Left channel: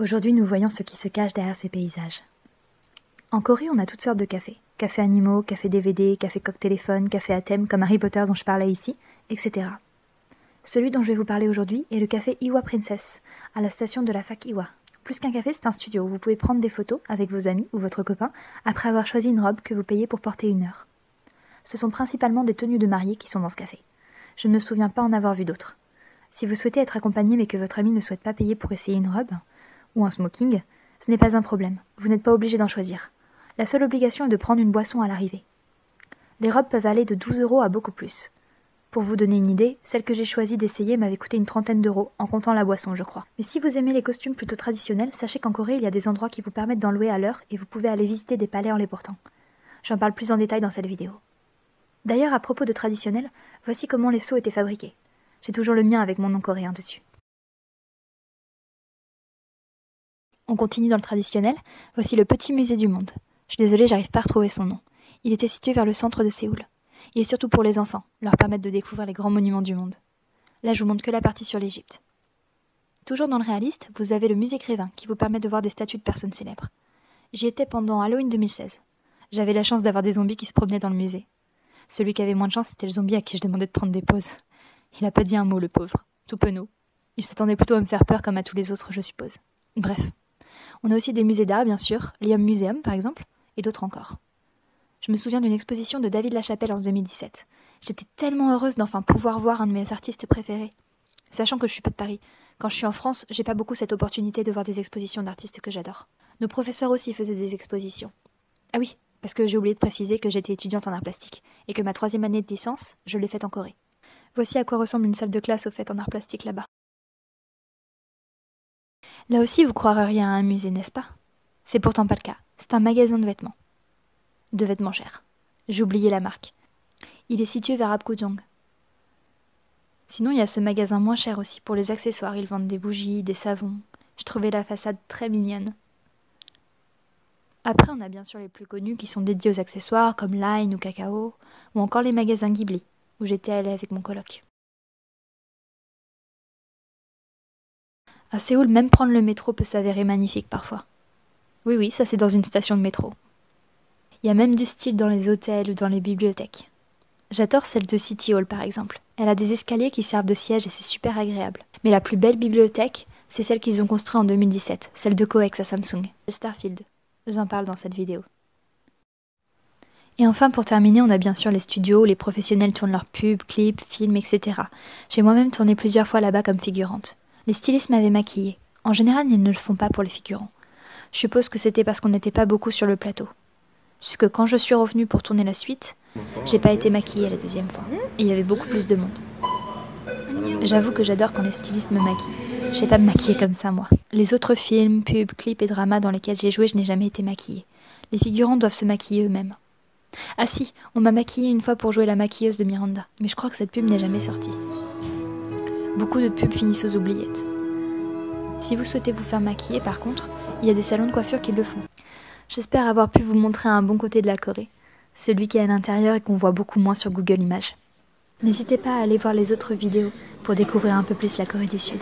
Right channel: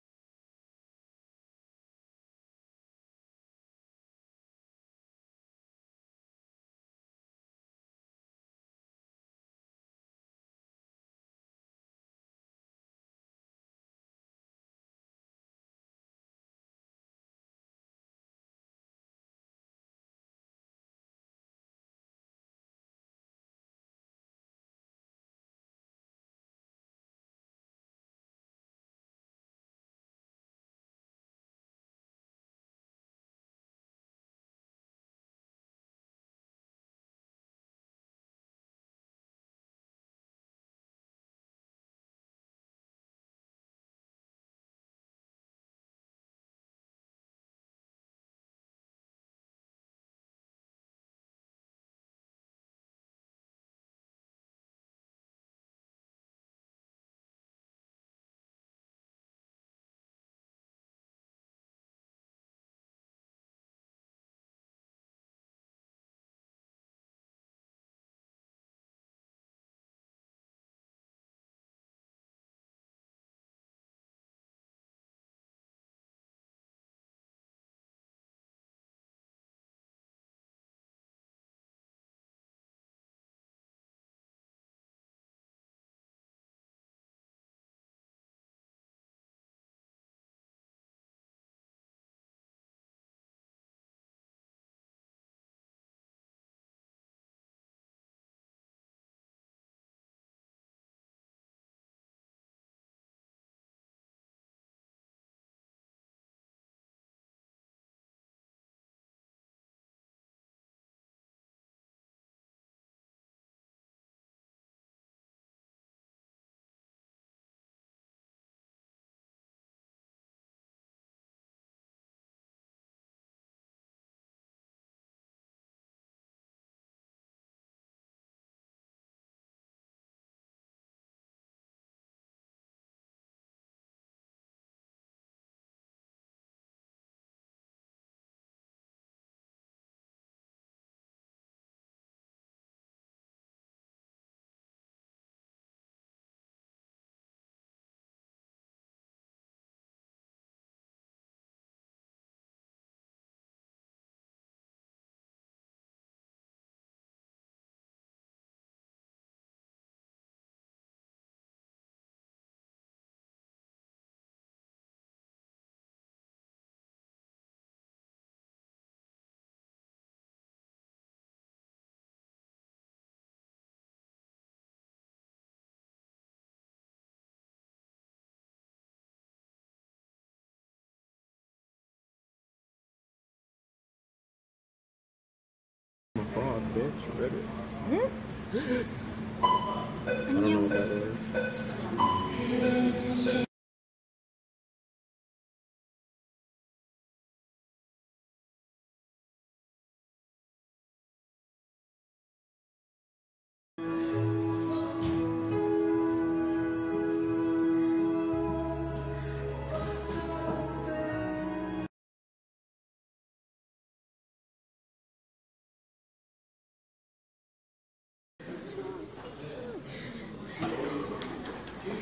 Aujourd'hui, nous voyons ce qui se cache derrière ces paysages. En Corée, on a toutes sortes de cafés. Café animaux, café DVD, café coq-téléphone, café à thème, comme Harry Potter dont je parlais ici, etc. Celui dont je vais vous parler aujourd'hui est le café Iwa Princess, à la station de la fac Iwa. Plus qu'un café, c'est un studio où vous pouvez prendre des photos avec vos amis ou votre copain après avoir choisi une robe que vous payez pour porter 1 heure. Ce sont principalement des tenues de mariée qui sont dans ce café. Je ne me souviens pas en avoir vu d'autres. Si vous souhaitez être accompagné mais que votre ami ne souhaite pas payer pour essayer une robe, ou un smoking, ce n'est pas un problème, vous n'êtes pas obligé d'en choisir. La seule obligation est de prendre une boisson à l'arrivée. Les robes peuvent aller de 12 € à beaucoup plus. Pour vous donner une idée, celle que j'ai choisi d'essayer m'avait coûté une 30aine d'euros, en comptant la boisson, je crois. Mais si vous aimez les costumes plutôt traditionnels, sachez qu'en Corée, il y a des endroits qui vous permettent d'en louer à l'heure et vous pouvez aller visiter des palais en les portant. J'en parle plus en détail dans cette vidéo. D'ailleurs, à propos de traditionnel, voici comment les seaux étaient fabriqués. J'ai toujours le mien avec mon nom coréen dessus. On continue dans le traditionnel, voici le petit musée du monde. Je suis désolée, j'arrive pas à retrouver son nom. Il était situé vers le centre de Séoul. Il est surtout pour les enfants, leur permettre de découvrir les grands monuments du monde. Là, je vous montre que la partie sur l'Égypte. Toujours dans le réaliste, vous avez le musée Grévin, qui vous permet de voir des statues de personnes célèbres. J'y étais pendant Halloween 2016. J'avais la chance d'avoir des zombies qui se promenaient dans le musée. Celui qui avait moins de chance, c'était le zombie à qui je demandais de prendre des pauses. Il a pas dit un mot, le pauvre. Tout penaud. Il s'attendait plutôt à me faire peur comme à tous les autres, je suppose. Bref. On a aussi des musées d'art, bien sûr, l'Ium Museum par exemple, et d'autres encore. Je me souviens d'une exposition de David Lachapelle en 2017. J'étais tellement heureuse d'enfin pouvoir voir un de mes artistes préférés. Sachant que je suis pas de Paris. Quand je suis en France, j'ai pas beaucoup cette opportunité de voir des expositions d'artistes que j'adore. Nos professeurs aussi faisaient des expositions. Ah oui, parce que j'ai oublié de préciser que j'étais étudiante en arts plastiques, et que ma 3e année de licence, je l'ai faite en Corée. Voici à quoi ressemble une salle de classe au fait en arts plastiques là-bas. Là aussi, vous croiriez à un musée, n'est-ce pas? C'est pourtant pas le cas. C'est un magasin de vêtements. De vêtements chers. J'ai oublié la marque. Il est situé vers Apgujeong. Sinon, il y a ce magasin moins cher aussi pour les accessoires. Ils vendent des bougies, des savons. Je trouvais la façade très mignonne. Après, on a bien sûr les plus connus qui sont dédiés aux accessoires comme Line ou Kakao, ou encore les magasins Ghibli, où j'étais allée avec mon coloc. À Séoul, même prendre le métro peut s'avérer magnifique parfois. Oui, ça c'est dans une station de métro. Il y a même du style dans les hôtels ou dans les bibliothèques. J'adore celle de City Hall par exemple. Elle a des escaliers qui servent de siège et c'est super agréable. Mais la plus belle bibliothèque, c'est celle qu'ils ont construite en 2017, celle de Coex à Samsung, le Starfield. J'en parle dans cette vidéo. Et enfin, pour terminer, on a bien sûr les studios où les professionnels tournent leurs pubs, clips, films, etc. J'ai moi-même tourné plusieurs fois là-bas comme figurante. Les stylistes m'avaient maquillée. En général, ils ne le font pas pour les figurants. Je suppose que c'était parce qu'on n'était pas beaucoup sur le plateau. Jusque quand je suis revenue pour tourner la suite, j'ai pas été maquillée la 2e fois. Et il y avait beaucoup plus de monde. J'avoue que j'adore quand les stylistes me maquillent. Je sais pas me maquiller comme ça, moi. Les autres films, pubs, clips et dramas dans lesquels j'ai joué, je n'ai jamais été maquillée. Les figurants doivent se maquiller eux-mêmes. Ah si, on m'a maquillée une fois pour jouer la maquilleuse de Miranda, mais je crois que cette pub n'est jamais sortie. Beaucoup de pubs finissent aux oubliettes. Si vous souhaitez vous faire maquiller, par contre, il y a des salons de coiffure qui le font. J'espère avoir pu vous montrer un bon côté de la Corée, celui qui est à l'intérieur et qu'on voit beaucoup moins sur Google Images. N'hésitez pas à aller voir les autres vidéos pour découvrir un peu plus la Corée du Sud.